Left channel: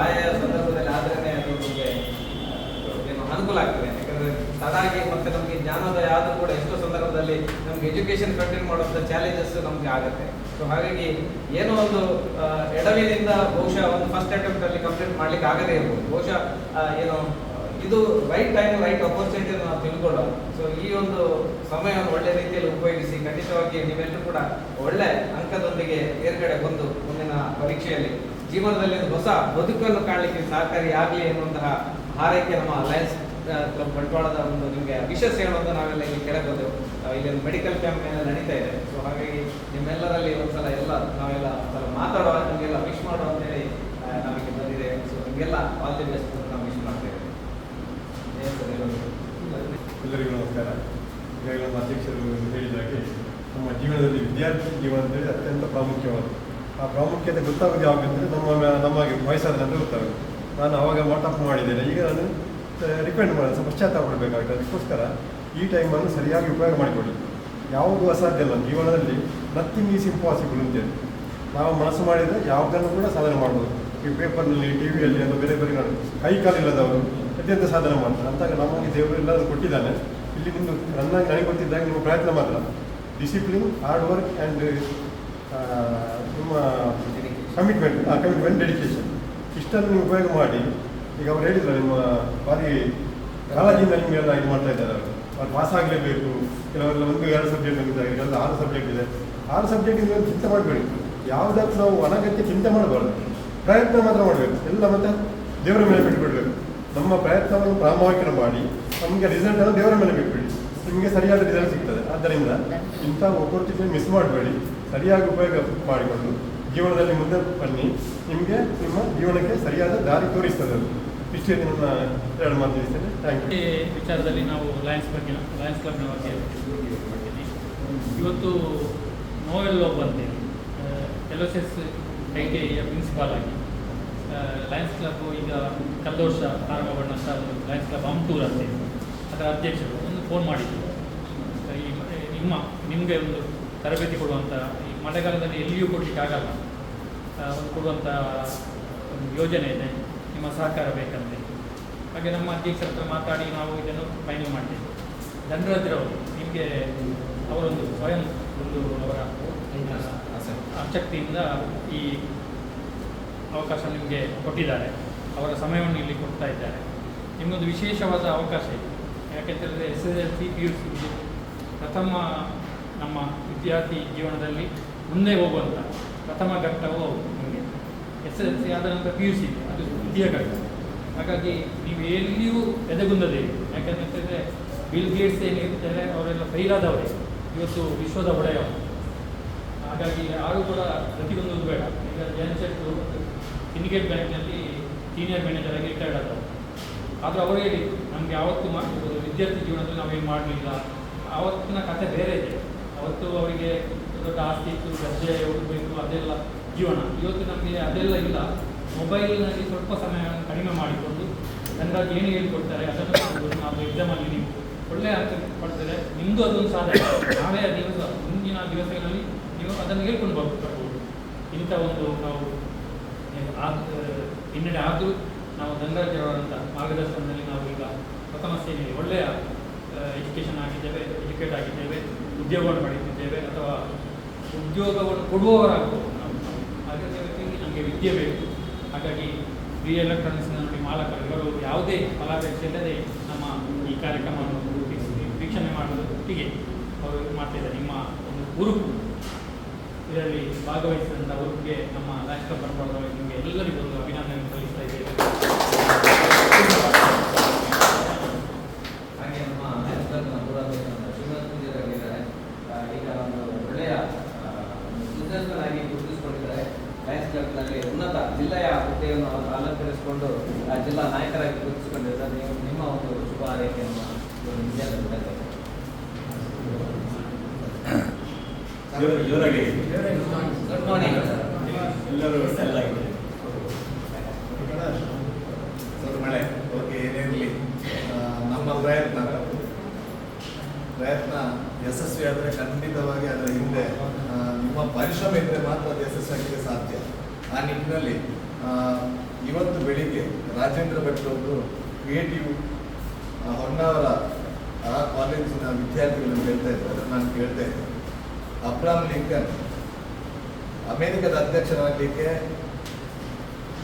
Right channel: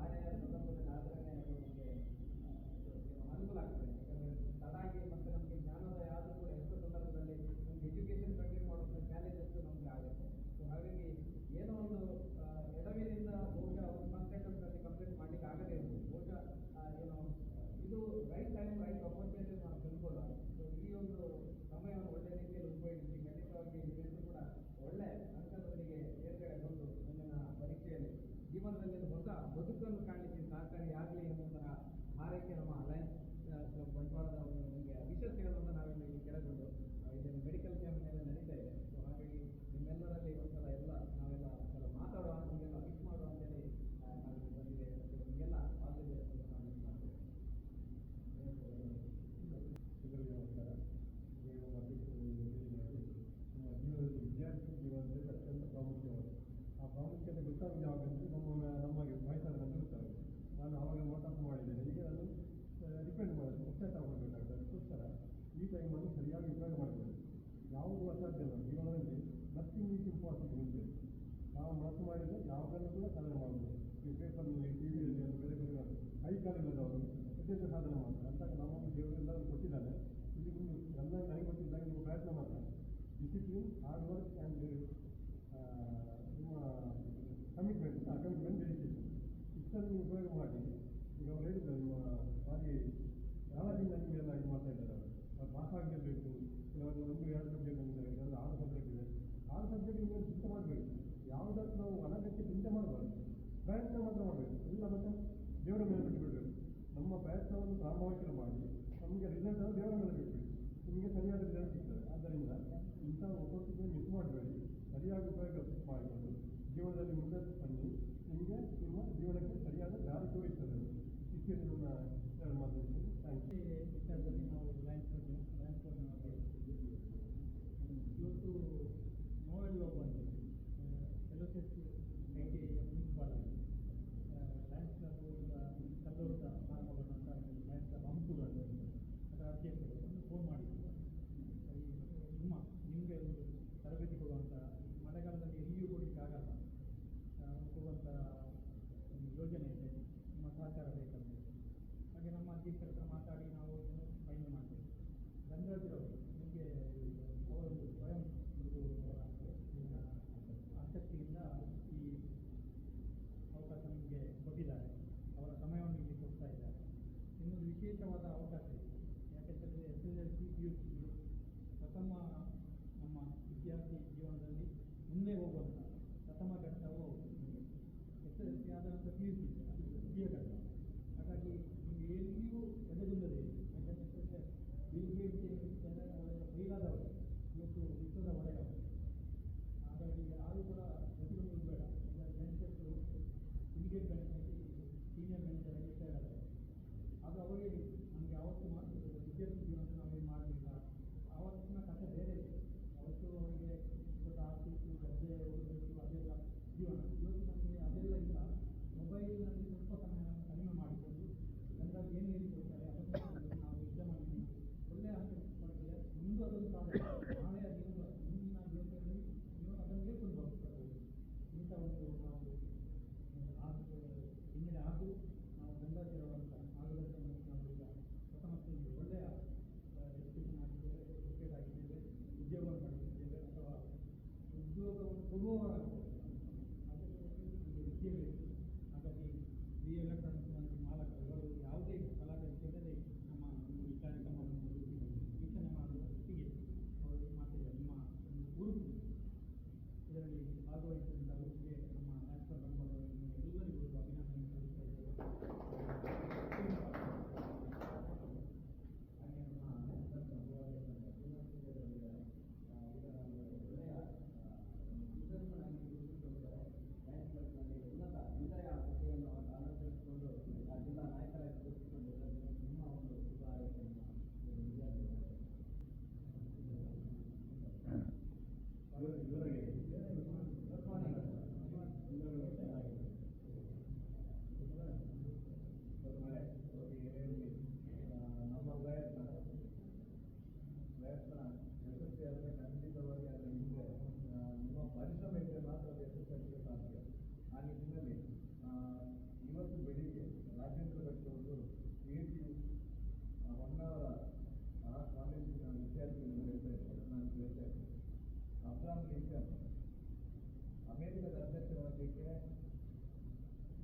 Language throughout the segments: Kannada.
ಆಯಾ ಸಂದರ್ಭದಲ್ಲಿ ಅದು ನಮಗೆ ಏನು ಅನುಕೂಲ ಆಗ್ತದೆ. ಯಾಕಂದ್ರೆ ತಡಾಗಿ ಮತ್ತೆ ನಮಗೆ ಜ್ಞಾನೋದಯ ಆದರೂ ಕೂಡ ಎಷ್ಟೋ ಸಂದರ್ಭದಲ್ಲಿ ನಮ್ಗೆ ಎಜುಕೇಶನ್ ಕಂಟಿನ್ಯೂ ಮಾಡುವಂಥ ಚಾಲೆಂಜಸ್ ನಮ್ಗೆ ಆಗುತ್ತೆ. ಸೊ ಹಾಗಾಗಿ ಏನೋ ಒಂದು ಎಡವಿನಿಂದ ಬಹುಶಃ ಒಂದು ಫಸ್ಟ್ ಅಟೆಂಪ್ಟ್ ಅಲ್ಲಿ ಕಂಪ್ಲೀಟ್ ಮಾಡ್ಲಿಕ್ಕೆ ಆಗದೇ ಇರ್ಬೋದು. ಬಹುಶಃ ಏನು, ಇದು ರೈಟ್ ಟೈಮ್ ರೈಟ್ ಅಪರ್ಚುನಿಟಿ ನಾವು ತಿಳ್ಕೊಳ್ಳೋ ಸೊ ಈ ಒಂದು ಸಮಯವನ್ನು ಒಳ್ಳೆ ರೀತಿಯಲ್ಲಿ ಉಪಯೋಗಿಸಿ ಖಂಡಿತವಾಗಿ ನೀವೆಲ್ಲರೂ ಕೂಡ ಒಳ್ಳೆ ಅಂಕದೊಂದಿಗೆ ತೇರ್ಗಡೆ ಬಂದು ಮುಂದಿನ ಪರೀಕ್ಷೆಯಲ್ಲಿ ಜೀವನದಲ್ಲಿ ಒಂದು ಹೊಸ ಬದುಕನ್ನು ಕಾಣಲಿಕ್ಕೆ ಸಹಕಾರಿಯಾಗಲಿ ಎನ್ನುವಂತಹ ಹಾರೈಕೆ ನಮ್ಮ ಅಲಯನ್ಸ್ ಕ್ಲಬ್ ಬಂಟ್ವಾಳದ ಒಂದು ನಿಮಗೆ ವಿಶೇಷ ಹೇಳುವಂತ ನಾವೆಲ್ಲ ಇಲ್ಲಿ ಕೇಳಬಹುದು. ಇಲ್ಲಿ ಒಂದು ಮೆಡಿಕಲ್ ಕ್ಯಾಂಪ್ ಎಲ್ಲ ನಡೀತಾ ಇದೆ. ಸೊ ಹಾಗಾಗಿ ನಿಮ್ಮೆಲ್ಲರಲ್ಲಿ ಒಂದ್ಸಲ ಎಲ್ಲ ನಾವೆಲ್ಲ ಒಂದ್ಸಲ ಮಾತಾಡುವ ನಿಮಗೆಲ್ಲ ವಿಶ್ ಮಾಡುವ ಅಂತೇಳಿ ಹೇಳಿ ನಮಗೆ ಬಂದಿದೆ. ಸೊ ನಿಮಗೆಲ್ಲ ಆಲ್ ದಿ ಬೆಸ್ಟ್ ನಾವು ವಿಶ್ ಮಾಡ್ತೇವೆ. ಎಲ್ಲರಿಗೂ ನಮಸ್ಕಾರ. ಈಗಾಗಲೇ ನಮ್ಮ ಅಧ್ಯಕ್ಷರು ಹೇಳಿದಾಗೆ ನಮ್ಮ ಜೀವನದಲ್ಲಿ ವಿದ್ಯಾರ್ಥಿ ಜೀವನದಲ್ಲಿ ಅತ್ಯಂತ ಪ್ರಾಮುಖ್ಯವಾದ ಆ ಪ್ರಾಮುಖ್ಯತೆ ಗೊತ್ತಾಗೋದು ಯಾವಾಗ ಅಂದರೆ ನಮ್ಮ, ನಮಗೆ ವಯಸ್ಸಾದ ನಂತರ ಗೊತ್ತಾಗುತ್ತೆ ನಾನು ಆವಾಗ ವಾಟಪ್ ಮಾಡಿದ್ದೇನೆ. ಈಗ ನಾನು ರಿಕಮೆಂಡ್ ಮಾಡಿ ಸ್ವಲ್ಪ ಪಶ್ಚಾತ್ತಾಪ ಪಡಬೇಕಾಗುತ್ತೆ ಅದಕ್ಕೋಸ್ಕರ ಈ ಟೈಮನ್ನು ಸರಿಯಾಗಿ ಉಪಯೋಗ ಮಾಡಿಕೊಳ್ಳಿ. ಯಾವುದು ಅಸಾಧ್ಯ ಅಲ್ಲ. ಜೀವನದಲ್ಲಿ ನಥಿಂಗ್ ಈಸ್ ಇಂಪಾಸಿಬಲ್ ಅಂತೇಳಿ ನಾವು ಮನಸ್ಸು ಮಾಡಿದರೆ ಯಾವುದನ್ನು ಕೂಡ ಸಾಧನೆ ಮಾಡ್ಬೋದು. ಈ ಪೇಪರ್ನಲ್ಲಿ ಟಿ ವಿಯಲ್ಲಿ ಅಥವಾ ಬೇರೆ ಬೇರೆ ನಾನು ಕೈ ಕಾಲಿಲ್ಲದವರು ಅತ್ಯಂತ ಸಾಧನೆ ಮಾಡ್ತಾರೆ. ಅಂತಾಗ ನಮಗೆ ದೇವರು ಎಲ್ಲರೂ ಕೊಟ್ಟಿದ್ದಾನೆ. ಇಲ್ಲಿ ನಿಮ್ಮದು ನನ್ನ ನನಗೆ ಗೊತ್ತಿದ್ದಾಗ ನಿಮ್ಮ ಪ್ರಯತ್ನ ಮಾತ್ರ. ಡಿಸಿಪ್ಲಿನ್ ಹಾರ್ಡ್ ವರ್ಕ್ ಆ್ಯಂಡ್ ನಿಮ್ಮ ಕಮಿಟ್ಮೆಂಟ್ ಆ ಕಮಿಟ್ಮೆಂಟ್ ಡೆಡಿಕೇಶನ್ ಇಷ್ಟನ್ನು ನೀವು ಉಪಯೋಗ ಮಾಡಿ. ಈಗ ಅವ್ರು ಹೇಳಿದ್ರು, ನಿಮ್ಮ ಬಾರಿ ಕಾಳಜಿಯಿಂದ ನಿಮಗೆಲ್ಲ ಇದು ಮಾಡ್ತಾ ಇದ್ದಾರೆ ಅವರು. ಅವ್ರು ಪಾಸ್ ಆಗಲೇಬೇಕು. ಕೆಲವರೆಲ್ಲ ಒಂದು, ಎರಡು ಸಬ್ಜೆಕ್ಟ್ ಆಗಿದ್ದಾರೆ ಕೆಲವೆಲ್ಲ ಆರು ಸಬ್ಜೆಕ್ಟ್ ಇದೆ. ಆರು ಸಬ್ಜೆಕ್ಟ್ ಇಂದ ಚಿಂತೆ ಮಾಡಬೇಡಿ. ಯಾವುದಕ್ಕೂ ನಾವು ಅನಗತ್ಯ ಚಿಂತೆ ಮಾಡಬಾರ್ದು. ಪ್ರಯತ್ನ ಮಾತ್ರ ಮಾಡಬೇಕು. ಎಲ್ಲ ಮತ್ತೆ ದೇವರ ಮೇಲೆ ಬಿಟ್ಬಿಡ್ಬೇಕು. ನಮ್ಮ ಪ್ರಯತ್ನವನ್ನು ಪ್ರಾಮಾಣಿಕ ಮಾಡಿ, ನಮಗೆ ರಿಸಲ್ಟ್ ಅನ್ನು ದೇವರ ಮೇಲೆ ಬಿಟ್ಬಿಡಿ. ನಿಮಗೆ ಸರಿಯಾದ ರಿಸಲ್ಟ್ ಸಿಗ್ತದೆ. ಆದ್ದರಿಂದ ಇಂಥ ಒಪರ್ಚುನಿಟಿ ಮಿಸ್ ಮಾಡಬೇಡಿ. ಸರಿಯಾಗಿ ಉಪಯೋಗ ಮಾಡಿಕೊಂಡು ಜೀವನದಲ್ಲಿ ಮುಂದೆ ಬನ್ನಿ. ನಿಮಗೆ ನಿಮ್ಮ ಜೀವನಕ್ಕೆ ಸರಿಯಾದ ದಾರಿ ತೋರಿಸ್ತದೆ ಅದು. ಇಷ್ಟೇ ನನ್ನ ಎರಡು ಮಾತು ತಿಳಿಸ್ತೇನೆ. ಥ್ಯಾಂಕ್ ಯು ಈ ವಿಚಾರದಲ್ಲಿ ನಾವು ಲಯನ್ಸ್ ಬಗ್ಗೆ ಲಯನ್ಸ್ ಕ್ಲಬ್ನ ಬಗ್ಗೆ ಇವತ್ತು ನೋವೆಲ್ ಒಬ್ಬ ಅಂತೇಳಿ L S S I T ಐಯ principal ಆಗಿ ಲಯನ್ಸ್ ಕ್ಲಬ್ ಈಗ ಕಳೆದ ವರ್ಷ ಒಂದು ಲಯನ್ಸ್ ಕ್ಲಬ್ ಅಮ್ಟೂರ್ ಅಂತೇಳಿ ಅದರ ಅಧ್ಯಕ್ಷರು ಒಂದು ಫೋನ್ ಮಾಡಿದ್ದರು ಈ ನಿಮ್ಮ, ನಿಮಗೆ ಒಂದು ತರಬೇತಿ ಕೊಡುವಂಥ ಮಳೆಗಾಲದಲ್ಲಿ ಎಲ್ಲಿಯೂ ಕೊಡಲಿಕ್ಕೆ ಆಗಲ್ಲ. ಒಂದು ಕೊಡುವಂಥ ಒಂದು ಯೋಜನೆ ಇದೆ. ನಿಮ್ಮ ಸಹಕಾರ ಬೇಕಂತೆ ಹಾಗೆ ನಮ್ಮ ಅಧ್ಯಕ್ಷರ ಹತ್ರ ಮಾತಾಡಿ ನಾವು ಇದನ್ನು ಫೈನಲ್ ಮಾಡ್ತೇವೆ. ಧನರಾಜ್ರವರು ನಿಮಗೆ ಅವರೊಂದು ಸ್ವಯಂ ಒಂದು ಅವರ ಆಸಕ್ತಿಯಿಂದ ಈ ಅವಕಾಶ ನಿಮಗೆ ಕೊಟ್ಟಿದ್ದಾರೆ. ಅವರ ಸಮಯವನ್ನು ಇಲ್ಲಿ ಕೊಡ್ತಾ ಇದ್ದಾರೆ. ನಿಮಗೊಂದು ವಿಶೇಷವಾದ ಅವಕಾಶ ಇದೆ. ಯಾಕೆಂತೇಳಿದ್ರೆ S S L C P C ಪ್ರಥಮ ನಮ್ಮ ವಿದ್ಯಾರ್ಥಿ ಜೀವನದಲ್ಲಿ ಮುಂದೆ ಹೋಗುವಂಥ ಪ್ರಥಮ ಘಟ್ಟವು ನಿಮಗೆ ಎಸ್ ಎಲ್ ಸಿ ಆದ ನಂತರ ಪಿ ಯು ಸಿ ಅದು ದ್ವಿತೀಯ ಘಟ್ಟ ಹಾಗಾಗಿ ನೀವು ಎಲ್ಲಿಯೂ ಎದೆಗುಂದದೇ ಯಾಕಂತ ಹೇಳಿದ್ರೆ ಬಿಲ್ ಗೇಟ್ಸ್ ಏನಿರ್ತಾರೆ ಅವರೆಲ್ಲ ಫೈಲಾದವರೇ ಇವತ್ತು ವಿಶ್ವದ ಒಡೆಯ. ಹಾಗಾಗಿ ಯಾರು ಕೂಡ ಪ್ರತಿಯೊಂದು ಬೇಡ. ಈಗ ಶೆಟ್ರು ಸಿಂಡಿಕೇಟ್ ಬ್ಯಾಂಕ್ನಲ್ಲಿ ಸೀನಿಯರ್ ಮ್ಯಾನೇಜರ್ ಆಗಿ ರಿಟೈರ್ಡ್ ಆದವರು. ಆದರೂ ಅವರು ಹೇಳಿ, ನಮಗೆ ಯಾವತ್ತು ಮಾಡ್ಬೋದು. ವಿದ್ಯಾರ್ಥಿ ಜೀವನದಲ್ಲಿ ನಾವೇನು ಮಾಡಲಿಲ್ಲ. ಆವತ್ತಿನ ಕಥೆ ಬೇರೆ ಇದೆ. ಅವತ್ತು ಅವರಿಗೆ ದೊಡ್ಡ ಆಸ್ತಿ ಇತ್ತು, ಗದ್ದೆ ಹುಡುಗಬೇಕು ಅದೆಲ್ಲ ಜೀವನ. ಇವತ್ತು ನಮಗೆ ಅದೆಲ್ಲ ಇಲ್ಲ. ಮೊಬೈಲ್ನಲ್ಲಿ ಸ್ವಲ್ಪ ಸಮಯವನ್ನು ಕಡಿಮೆ ಮಾಡಿಕೊಂಡು ಜನರಾಗಿ ಏನು ಹೇಳ್ಕೊಡ್ತಾರೆ, ಅದನ್ನು ನಾವು ಎಕ್ಸಾಮಲ್ಲಿ ನೀವು ಒಳ್ಳೆಯ ಅರ್ಥ ಪಡ್ತಾರೆ ನಿಮ್ಮದು ಅದೊಂದು ಸಾಧನೆ. ನಾಳೆ ದಿವಸ, ಮುಂದಿನ ದಿವಸಗಳಲ್ಲಿ ನೀವು ಅದನ್ನು ಹೇಳ್ಕೊಂಡು ಬರ್ಬೋದು. ಇಂಥ ಒಂದು ನಾವು ಹಿನ್ನೆಡೆ ಆದ್- ಹಿನ್ನಡೆ ಆದರೂ ನಾವು ಧನರಾಜ್ ಅವರಂಥ ಮಾರ್ಗದರ್ಶನದಲ್ಲಿ ನಾವು ಈಗ ಪ್ರಥಮ ಸೇನೆ ಒಳ್ಳೆಯ ಎಜುಕೇಷನ್ ಆಗಿದ್ದೇವೆ ಎಜುಕೇಟ್ ಆಗಿದ್ದೇವೆ, ಉದ್ಯೋಗವನ್ನು ಪಡೆಯುತ್ತಿದ್ದೇವೆ ಅಥವಾ ಉದ್ಯೋಗವನ್ನು ಕೊಡುವವರಾಗಬಹುದು ನಾವು ನಮಗೆ ವಿದ್ಯೆ ಬೇಕು. ಹಾಗಾಗಿ ಬಿ ಎಲೆಕ್ಟ್ರಾನಿಕ್ಸ್ನ ನೋಡಿ ಮಾಲಕರು ಇವರು ಯಾವುದೇ ಫಲಾಪೇಕ್ಷೆ ಇಲ್ಲದೆ ನಮ್ಮ ಈ ಕಾರ್ಯಕ್ರಮವನ್ನು ವೀಕ್ಷ- ವೀಕ್ಷಣೆ ಒಟ್ಟಿಗೆ ಅವರು ಮಾಡ್ತಿದ್ದಾರೆ. ನಿಮ್ಮ ಒಂದು ಹುರುಪು. ಇದರಲ್ಲಿ ಭಾಗವಹಿಸಿದಂಥ ಹುರುಪಿಗೆ ನಮ್ಮ ರಾಷ್ಟ್ರ ಪರವಾಗಿ ನಿಮಗೆ ಎಲ್ಲರಿಗೂ ಒಂದು ಅಭಿನಂದನೆ ಸಲ್ಲಿಸ್ತಾ ಇದ್ದೇವೆ ಹಾಗೆ ನಮ್ಮ ಲಯನ್ಸ್ ಕ್ಲಬ್ನ ಪೂರ್ವಾಧ್ಯಕ್ಷರಾದ ಶ್ರೀನಿವಾಸ್ ಪೂಜಾರಿ ಅವರಿದ್ದಾರೆ ಆ, ಈಗ ಒಂದು ಒಳ್ಳೆಯ ಬಿಸ್ನೆಸ್ ಆಗಿ ಗುರುತಿಸಿಕೊಂಡಿದ್ದಾರೆ ಲಯನ್ಸ್ ಕ್ಲಬ್ನಲ್ಲಿ ಉನ್ನತ ಅವರು ಅಲಂಕರಿಸಿಕೊಂಡು ಜಿಲ್ಲಾ ನಾಯಕರಾಗಿ ಸರ್ ನೀವು ನಿಮ್ಮ ಒಂದು ಶುಭ ಆರೈಕೆಯನ್ನು ಗುಡ್ ಮಾರ್ನಿಂಗ್ ಎಲ್ಲರೂ ಸ್ವಲ್ಪ ಮಳೆ. ಓಕೆ ಏನಿರಲಿ ನಮ್ಮ ಪ್ರಯತ್ನ. ಪ್ರಯತ್ನ ಯಶಸ್ವಿ ಆದರೆ ಖಂಡಿತವಾಗಿ ಅದರ ಹಿಂದೆ ನಿಮ್ಮ ಪರಿಶ್ರಮ ಇದ್ದರೆ ಮಾತ್ರ ಅದು ಯಶಸ್ವಿಯಾಗಲಿಕ್ಕೆ ಸಾಧ್ಯ. ಆ ನಿಟ್ಟಿನಲ್ಲಿ ಆ, ಬೆಳಿಗ್ಗೆ ರಾಜೇಂದ್ರ ಭಟ್ ಅವರು ಕ್ರಿಯೇಟಿವ್ ಹೊನ್ನಾವರ ಆ ಕಾಲೇಜಿನ ವಿದ್ಯಾರ್ಥಿಗಳನ್ನು ಹೇಳ್ತಾ ಇದ್ದಾರೆ ನಾನು ಕೇಳ್ತಾ ಇದ್ದೆ ಅಬ್ರಾಮ್ ಲಿಂಕನ್ ಅಮೆರಿಕದ ಅಧ್ಯಕ್ಷರಾಗಲಿಕ್ಕೆ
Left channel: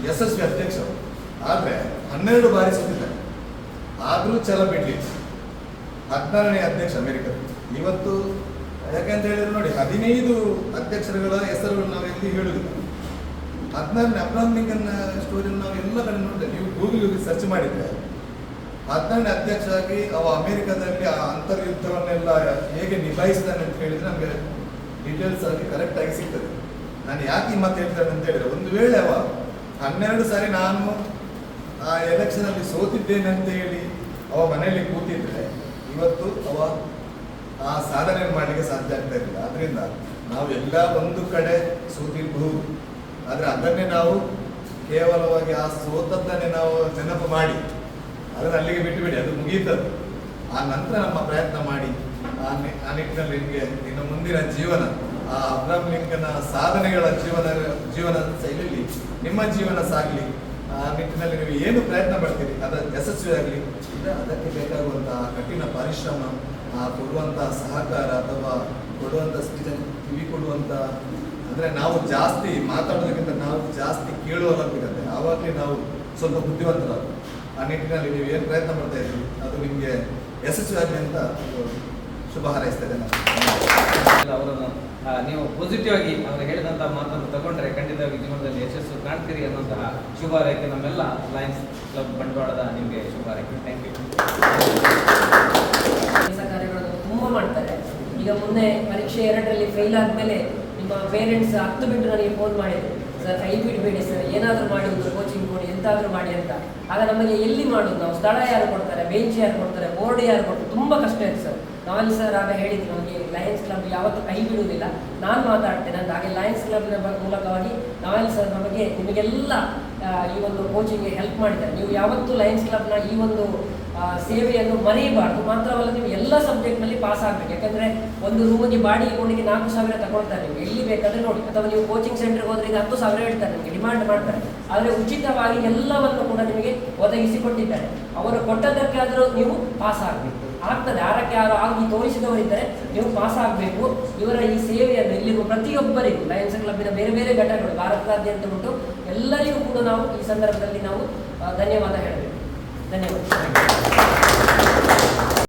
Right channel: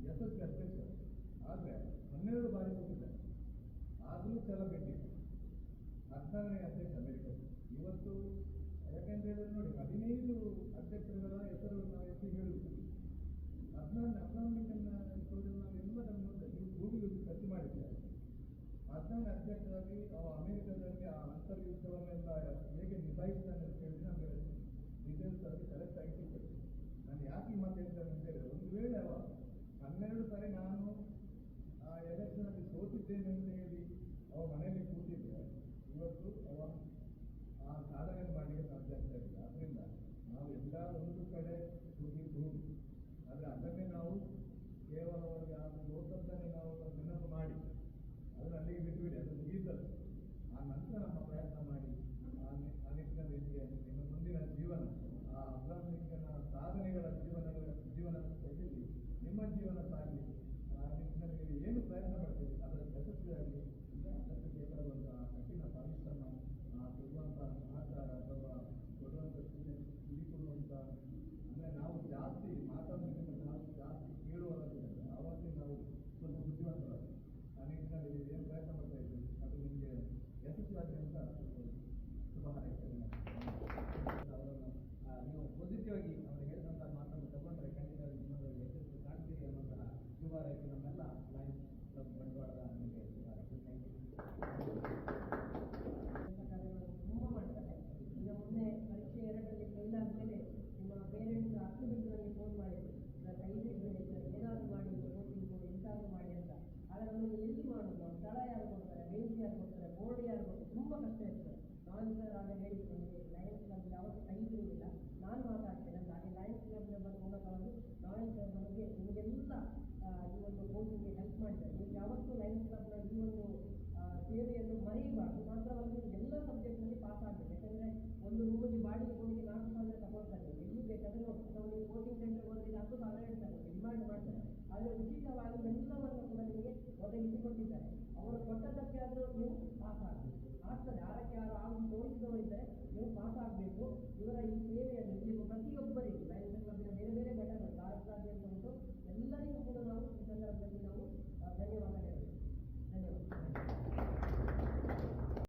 ಯಶಸ್ವಿ ಅಧ್ಯಕ್ಷರು ಆದರೆ ಹನ್ನೆರಡು ಬಾರಿ ಸೋತಿದ್ದಾರೆ ಆದರೂ ಛಲ ಬಿಡ್ಲಿಲ್ಲ. ಹದಿನಾರನೇ ಅಧ್ಯಕ್ಷ ಅಮೆರಿಕದ ಇವತ್ತು ಯಾಕಂತ ಹೇಳಿದ್ರೆ ನೋಡಿ ಹದಿನೈದು ಅಧ್ಯಕ್ಷರುಗಳ ಹೆಸರುಗಳು ನಾವು ಎಲ್ಲಿ ಹೇಳುದಿಲ್ಲ ಹದಿನಾರನೇ ಅಬ್ರಾಮ್ ಲಿಂಕನ್ ಸ್ಟೋರಿ ನಾವು ಎಲ್ಲ ಕಡೆ ನೋಡಿದ್ರೆ ನೀವು ಗೂಗಲ್ ಹೋಗಿ ಸರ್ಚ್ ಮಾಡಿದ್ರೆ ಹದಿನಾರನೇ ಅಧ್ಯಕ್ಷ ಆಗಿ ಅವ ಅಮೆರಿಕದಲ್ಲಿ ಆ ಅಂತರ್ಯುದ್ಧವನ್ನೆಲ್ಲ ಹೇಗೆ ನಿಭಾಯಿಸ್ತಾನೆ ಅಂತ ಹೇಳಿದ್ರೆ ನಮಗೆ ಡೀಟೇಲ್ಸ್ ಆಗಿ ಕರೆಕ್ಟ್ ಆಗಿ ಸಿಗ್ತದೆ. ನಾನು ಯಾಕೆ ಈ ಮಾತು ಹೇಳ್ತೇನೆ ಅಂತ ಹೇಳಿದ್ರೆ, ಒಂದು ವೇಳೆ ಅವ ಹನ್ನೆರಡು ಸಾರಿ ನಾನು ಆ ಎಲೆಕ್ಷನ್ ಅಲ್ಲಿ ಸೋತಿದ್ದೇನೆ ಅಂತ ಹೇಳಿ ಅವ ಮನೆಯಲ್ಲಿ ಕೂತಿದ್ರೆ ಇವತ್ತು ಅವ ಆ ಸಾಧನೆ ಮಾಡಲಿಕ್ಕೆ ಸಾಧ್ಯ ಆಗ್ತಾ ಇರಲಿಲ್ಲ ಅದರಿಂದ ನಾವು ಎಲ್ಲ ಒಂದು ಕಡೆ ಸೋತಿರಬಹುದು. ಆದರೆ ಅದನ್ನೇ ನಾವು ಕೇವಲವಾಗಿ ಆ ಸೋತದ್ದನ್ನೇ ನಾವು ನೆನಪು ಮಾಡಿ. ಅದನ್ನು ಅಲ್ಲಿಗೆ ಬಿಟ್ಟು ಬಿಡಿ ಅದು ಮುಗೀತದ್ದು. ಆ ನಂತರ ನಮ್ಮ ಪ್ರಯತ್ನ ಮಾಡಿ. ಆ ನಿಟ್ಟಿನಲ್ಲಿ ನಿಮಗೆ ಇನ್ನು ಮುಂದಿನ ಜೀವನ, ಆ ಅಬ್ರಾಮ್ ಲಿಂಕನ ಸಾಧನೆಗಳ ಜೀವನ ಜೀವನ ಶೈಲಿಯಲ್ಲಿ ನಿಮ್ಮ ಜೀವನ ಸಾಗಲಿ, ಆ ನಿಟ್ಟಿನಲ್ಲಿ ನೀವು ಏನು ಪ್ರಯತ್ನ ಪಡ್ತೀರಿ, ಅದ ಯಶಸ್ವಿ ಆಗಲಿ ಅದಕ್ಕೆ ಬೇಕಾಗುವಂತಹ ಕಠಿಣ ಪರಿಶ್ರಮ, ಆ ಕೊಡುವಂತಹ ಸಹಕಾರ ಅಥವಾ ಕೊಡುವಂಥ ಸ್ಥಿತಿ ಕಿವಿ ಕೊಡುವಂಥ ಅಂದರೆ ನಾವು ಜಾಸ್ತಿ ಮಾತಾಡೋದಕ್ಕಿಂತ ನಾವು ಜಾಸ್ತಿ ಕೇಳುವಲ್ಲಾಗಬೇಕಂತೆ ಆವಾಗಲೇ ನಾವು ಸ್ವಲ್ಪ ಬುದ್ಧಿವಂತರಾಗ ಆ ನಿಟ್ಟಿನಲ್ಲಿ ನೀವು ಏನು ಪ್ರಯತ್ನ ಮಾಡ್ತಾ ಇದ್ದೀವಿ ಅದು ನಿಮಗೆ ಯಶಸ್ವಿ ಆಗಿ ಅಂತ ಶುಭ ಹಾರೈಸ್ತೇನೆ ನಾನು ಅವರನ್ನು ನೀವು ಪಾಸಿಟಿವ್ ಆಗಿ ಅವರು ಹೇಳಿದಂತಹ ಮಾತನ್ನು ತಗೊಂಡ್ರೆ ಖಂಡಿತವಾಗಿ ಜೀವನದಲ್ಲಿ ಯಶಸ್ಸು ಕಾಣ್ತೀರಿ ಅನ್ನೋಂತಹ ಶುಭ ಹಾರೈಕೆ ನಮ್ಮೆಲ್ಲ ಲಯನ್ಸ್ ಕ್ಲಬ್ ಬಂಡವಾಳದ ನಿಮಗೆ ಶುಭ ಹಾರೈಕೆ. ಥ್ಯಾಂಕ್ ಯು ಕೆಲಸ ಕಾರ್ಯಗಳನ್ನು ತುಂಬ ಮಾಡ್ತಾರೆ. ಈಗ ಮುಂದೆ ಪರೀಕ್ಷೆ ಎರಡರಲ್ಲಿ ಫೇಲ್ ಆದಮೇಲೆ ನಿಮ್ಮ ಪೇರೆಂಟ್ಸ್ ಹತ್ತು ಬಿಟ್ಟು ನನಗೆ ಫೋನ್ ಮಾಡಿದ್ರು. ಸರ್ ಕೈ ಬಿಡಬೇಡಿ ಸರ್, ಏನಾದರೂ ಮಾಡಿ ಕೋಚಿಂಗ್ ಕೊಡಿ, ಎಂತಾದರೂ ಮಾಡಿ ಅಂತ. ಆಗ ನಮಗೆ ಎಲ್ಲಿ ಮಾಡೋದು? ನಾವು ಸ್ಥಳ ಯಾರು ಕೊಡ್ತಾರೆ? ಬೆಂಚ್ ಯಾರು ಕೊಡ್ತಾರೆ? ಬೋರ್ಡ್ ಯಾರು ಕೊಡ್ತಾರೆ? ತುಂಬ ಕಷ್ಟ ಇತ್ತು ಸರ್. ನಾವೆಲ್ಲ ಸರ್ ಆಗ ಹೇಳಿದ್ರು ನಮಗೆ ಲಯನ್ಸ್ ಕ್ಲಬ್ ಯಾವತ್ತೂ ಕೈ ಬಿಡುವುದಿಲ್ಲ. ನಾನು ಮಾತಾಡ್ತೇನೆ. ಅಂತ ಹಾಗೆ ಲಯನ್ಸ್ ಕ್ಲಬ್ನ ಮೂಲಕವಾಗಿ ನಾವೆಲ್ಲ ಸರ್ ನಮಗೆ ನಿಮಗೆಲ್ಲ ಈ ಒಂದು ಕೋಚಿಂಗ್ಗೆ ಹೆಲ್ಪ್ ಮಾಡಿದ್ದಾರೆ. ನೀವು ಯಾವತ್ತೂ ಲಯನ್ಸ್ ಕ್ಲಬ್ನ ಈ ಒಂದು ಸೇವೆಯನ್ನು ಮರೆಯಬಾರ್ದು. ಮಾತ್ರವಲ್ಲ ನೀವು ಎಲ್ಲ ಸಬ್ಜೆಕ್ಟ್ನಲ್ಲಿ ಪಾಸ್ ಆಗಬೇಕು. ಯಾಕಂದ್ರೆ ಒಂದು ರೂಮಿಗೆ ಬಾಡಿಗೆ ಕೊಡಿಗೆ ನಾಲ್ಕು ಸಾವಿರ ತಗೊಳ್ತಾರೆ ನೀವು ಎಲ್ಲಿ ಬೇಕಾದ್ರೆ ನೋಡಿ. ಅಥವಾ ನೀವು ಕೋಚಿಂಗ್ ಸೆಂಟರ್ಗೆ ಹೋದ್ರೆ ಈಗ ಹತ್ತು ಸಾವಿರ ಹೇಳ್ತಾರೆ ನಿಮಗೆ ಡಿಮಾಂಡ್ ಮಾಡ್ತಾರೆ. ಆದರೆ ಉಚಿತವಾಗಿ ಎಲ್ಲವನ್ನು ಕೂಡ ನಿಮಗೆ ಒದಗಿಸಿಕೊಟ್ಟಿದ್ದಾರೆ ಅವರು ಕೊಟ್ಟದ್ದಕ್ಕಾದರೂ ನೀವು ಪಾಸ್ ಆಗಬೇಕು. ಆಗ್ತದೆ. ಯಾರಕ್ಕೆ ಯಾರು ಆಗಿ ತೋರಿಸಿದವರಿದ್ದರೆ ನೀವು ಪಾಸ್ ಆಗಬೇಕು. ಇವರ ಈ ಸೇವೆಯನ್ನು ಇಲ್ಲಿರುವ ಪ್ರತಿಯೊಬ್ಬರಿಗೂ ಲಯನ್ಸ್ ಕ್ಲಬ್ಬಿನ ಬೇರೆ ಬೇರೆ ಘಟಕಗಳು, ಭಾರತದಾದ್ಯಂತ ಉಂಟು ಎಲ್ಲರಿಗೂ ಕೂಡ ನಾವು ಈ ಸಂದರ್ಭದಲ್ಲಿ ನಾವು ಧನ್ಯವಾದ ಹೇಳಬೇಕು. ಧನ್ಯವಾದ